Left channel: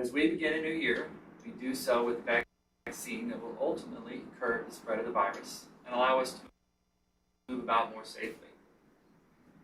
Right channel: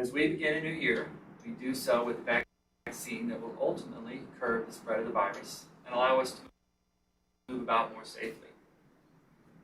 As we begin a new year, we do so with a vaccine that will ultimately curb the spread of the virus and allow us to move about more safely.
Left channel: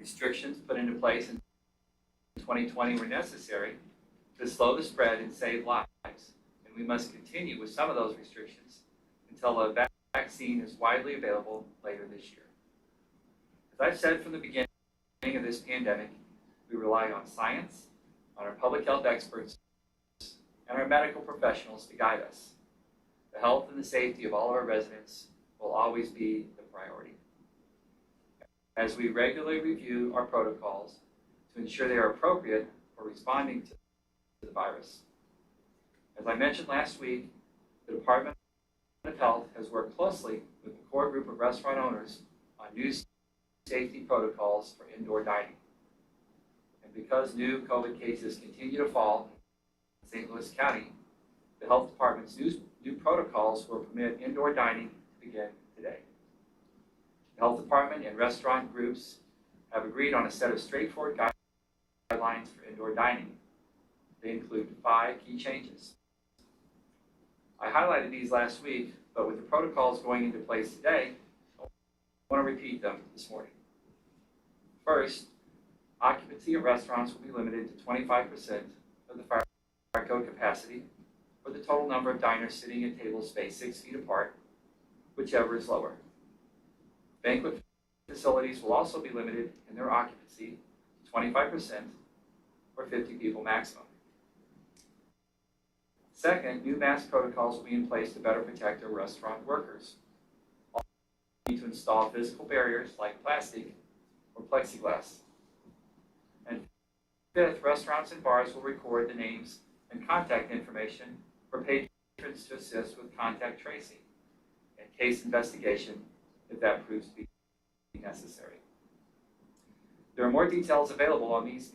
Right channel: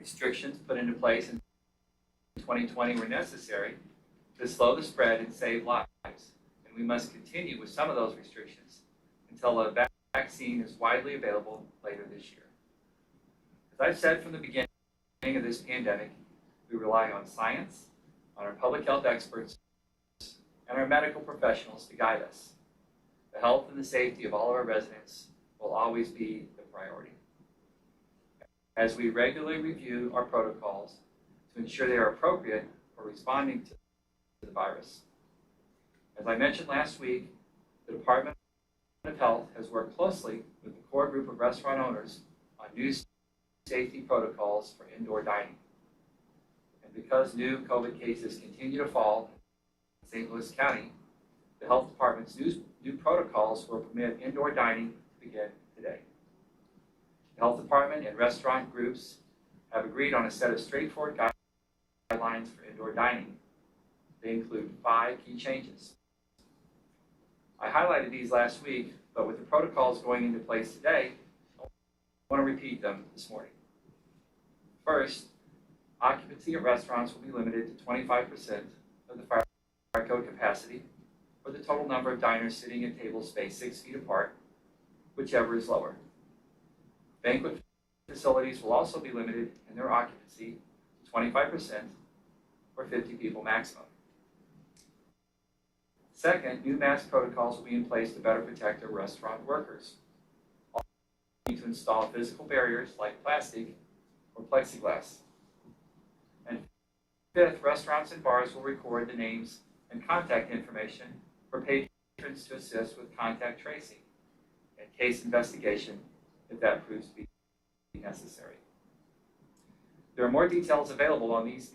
Restrictions put into place in 2020 were necessary to slow the spread and save lives, and we must continue with some of those restrictions until a vaccine is widely available later this year. As I've said from the beginning of this pandemic, we rely on science, on our public health experts, and our medical professionals to guide us. The health and the safety of all of our residents will always be the priority. As we regularly review our protocols to ensure they are appropriate for responding to the virus. As I mentioned last week, the Department of Health has worked closely with the core group of restaurant owners on new safety protocols for indoor dining. And because new COVID cases continue to fall in St. Louis County, the Health Department's new protocols will permit indoor dining to begin today. The Health Department and restaurant groups have agreed on a set of straightforward guidelines for indoor dining. They include 5 key changes. I highlighted these last week, but with the protocols going into place today, I want to repeat them this morning. First, occupancy of restaurants will be limited to 25% of the fire code capacity, or the total number of diners sitting at tables spaced 6 feet apart, whichever is lower. Banquet facilities will also be limited in their occupancy to 25%, or 50 people maximum. Second, new mask protocols will be in place to better protect our restaurant workers. Also, we need to install physical barriers like plastic or plexiglass. And fifth, restaurants and bars will record the names and contact information for patrons to assist with contact tracing and case investigation if that proves to be necessary. There are more details available on these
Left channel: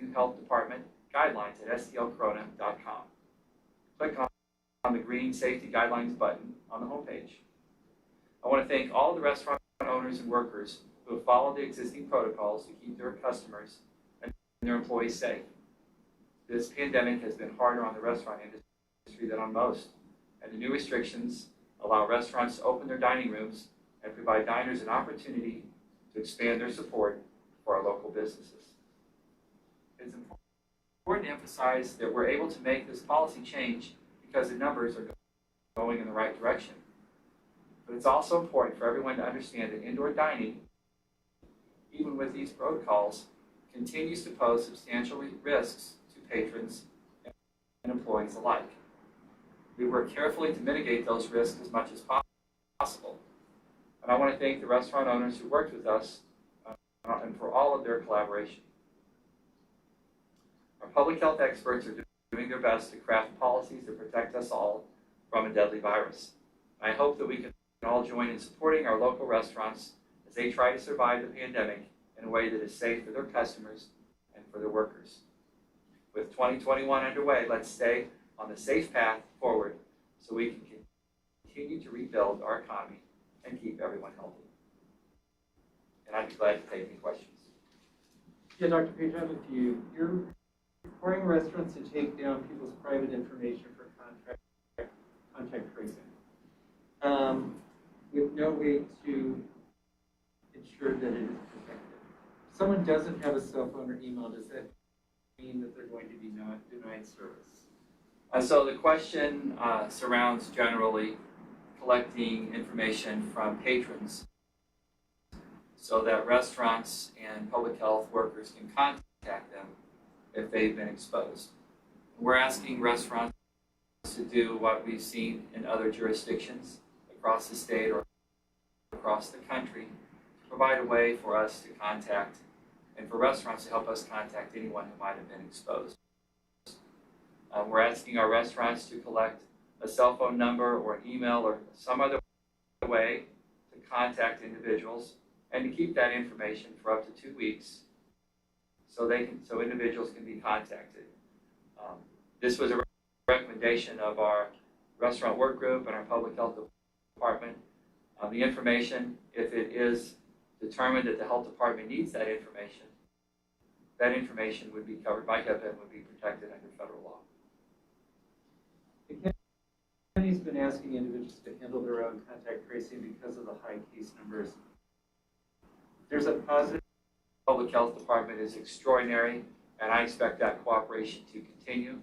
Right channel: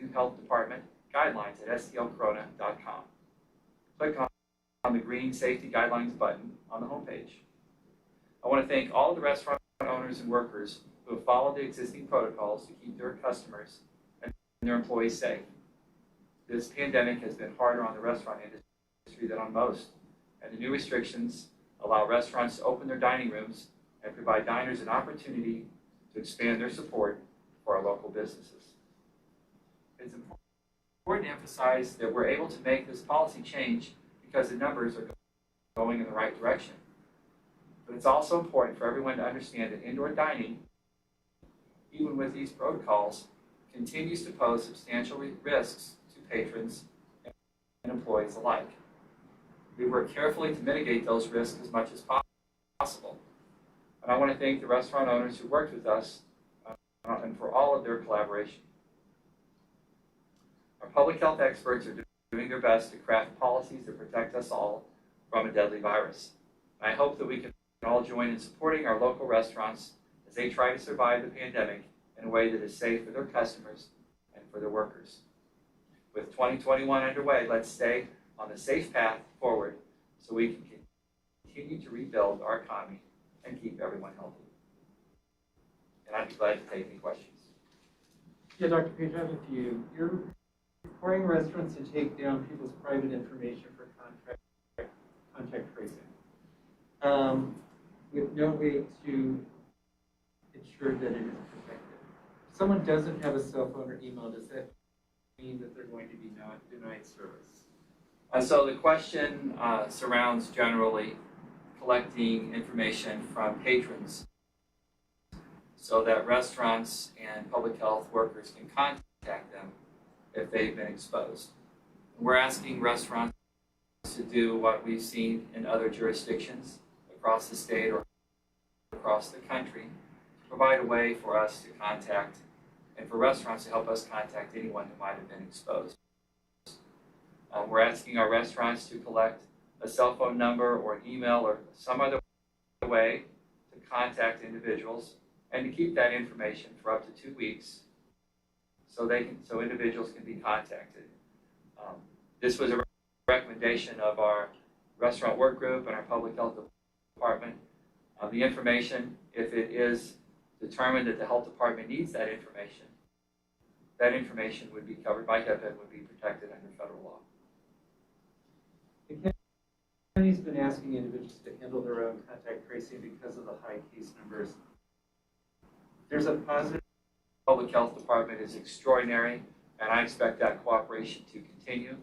new Health Department guidelines at stlcorona.com. Click on the green Safety Guidelines button on the homepage. I want to thank all of the restaurant owners and workers who have followed the existing protocols to keep their customers and their employees safe. This pandemic has been harder on the restaurant industry than on most, and the new restrictions allow restaurants to open their dining rooms and provide diners an opportunity to expand their support for our local businesses. It's important to emphasize that we're able to make this policy change because the numbers are going in the right direction. But it's also important for everyone to understand that indoor dining, even with these protocols, continues to pose substantial risks to patrons and employees alike. We work carefully to mitigate those risks as much as possible. And I want to thank the restaurant owners who worked with us and for all of their collaboration. Our public health experts are doing their best to craft policies that protect us all from a deadly virus. I hope that we can all join in supporting our local restaurants as they try to survive the pandemic in a way that is safe for their customers and for their workers. With 2021 underway, let's stay on the safe path forward so we can continue to rebuild our economy and keep everyone healthy. And I'd be glad to take any questions. Yeah, Dr. Page, I have a few. You're requiring restaurants to take down people's private information for contact tracing, with no way to ensure that it is protected. If someone doesn't have a cell phone or email, does that mean that they're going to be denied service? So the question surrounds generally collecting information from patrons so that restaurants and public health workers can contact them if they've been exposed. We're asking restaurants to do what we've seen in other jurisdictions across the state or across the country, to provide a way for us to contact and for restaurants to help us contact anyone who might have been exposed. We're asking our restaurants to collect a cell phone number or an email or some other way to contact individuals and to keep that information for up to 2 weeks so individuals can be contacted. This was a recommendation of our restaurant work group and our public health department. The information, if it is determined that the health department needs that information would be covered by HIPAA and would be protected under federal law. county's been asking individuals to handle their own contact tracing because of the high case numbers. There's a positive. Public Health Department is extraordinary, and I expect that cooperation to continue.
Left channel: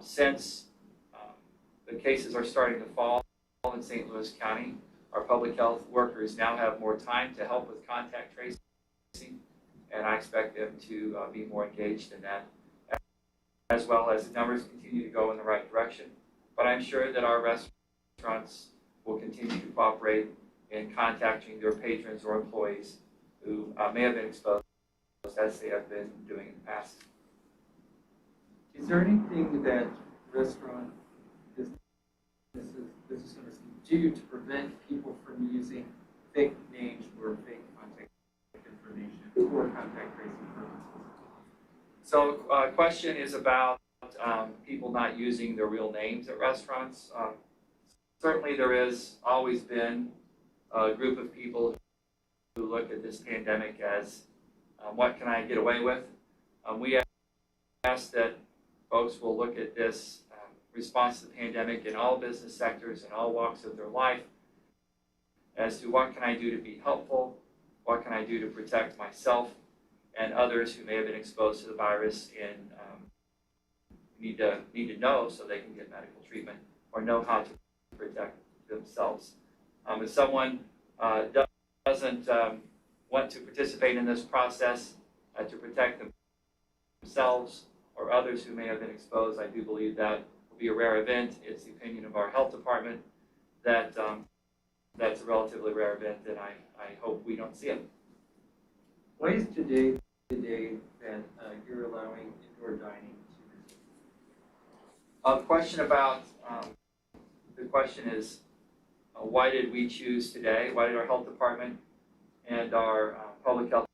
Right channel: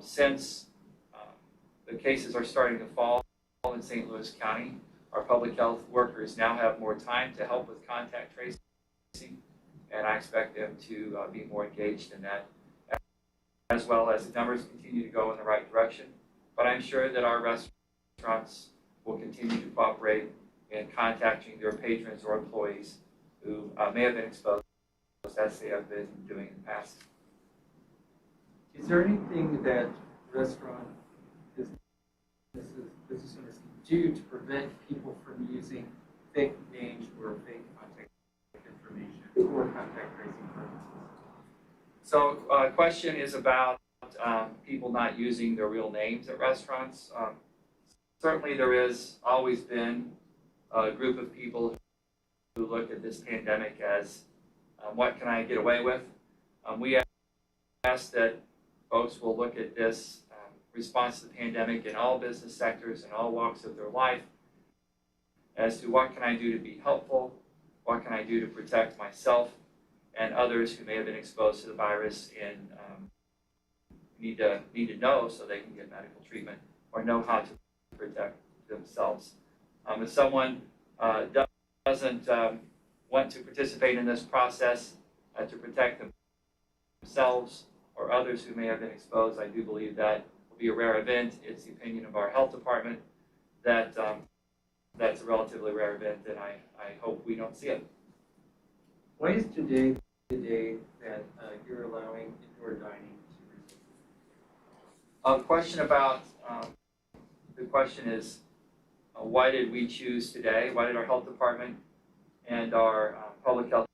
Since the cases are starting to fall in St. Louis County, our public health workers now have more time to help with contact tracing, and I expect them to be more engaged in that, as well as the numbers continue to go in the right direction. But I'm sure that our restaurants will continue to cooperate in contacting their patrons or employees who may have been exposed as they have been doing in the past. Is there anything that restaurant business owners can do to prevent people from using fake names or fake contact information for contact tracing purposes? So question is about people not using their real names at restaurants. Certainly there has always been a group of people who look at this pandemic as what can I get away with? We ask that folks will look at this response to the pandemic in all business sectors and all walks of their life as to what can I do to be helpful, what can I do to protect myself and others who may have been exposed to the virus and need to know so they can get medical treatment or know how to protect themselves. If someone doesn't want to participate in this process to protect themselves or others who may have been exposed, I do believe that will be a rare event. It's the opinion of our health department that that's a relatively rare event, and I hope we don't see it. Why is today the day that you're allowing indoor dining to resume? Question about, the question is, why did we choose today? Why did our health department and our public health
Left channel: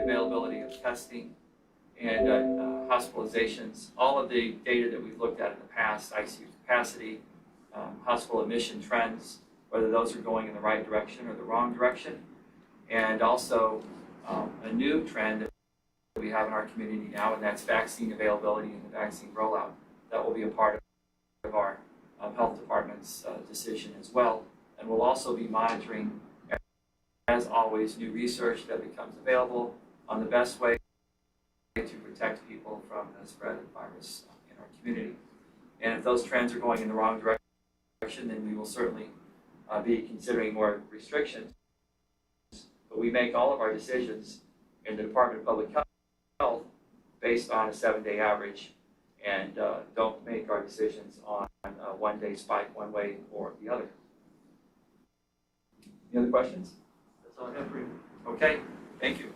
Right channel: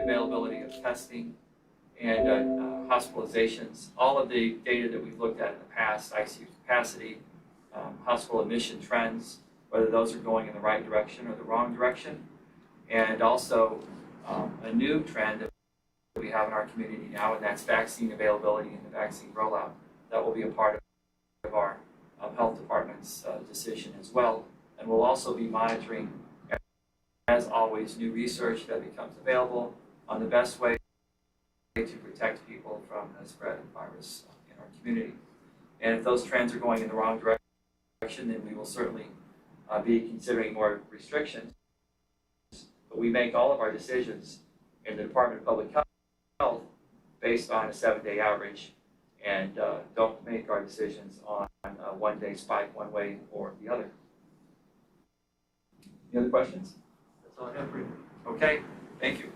the availability of testing and hospitalizations, all of the data that we've looked at in the past, ICU capacity, hospital admission trends, whether those are going in the right direction or the wrong direction, and also a new trend that we have in our community now, and that's vaccine availability and the vaccine rollout. That will be a part of our health department's decision as well, and we'll also be monitoring, as always, new research that becomes available on the best way to protect people from the spread of the virus in our community. And if those trends are going in the wrong direction, then we will certainly be considering more restrictions. But we make all of our decisions in the Department of Public Health based on a 7-day average, and don't make our decisions on a one-day spike one way or the other. Any other questions? That's all I have for you. Okay, thank you.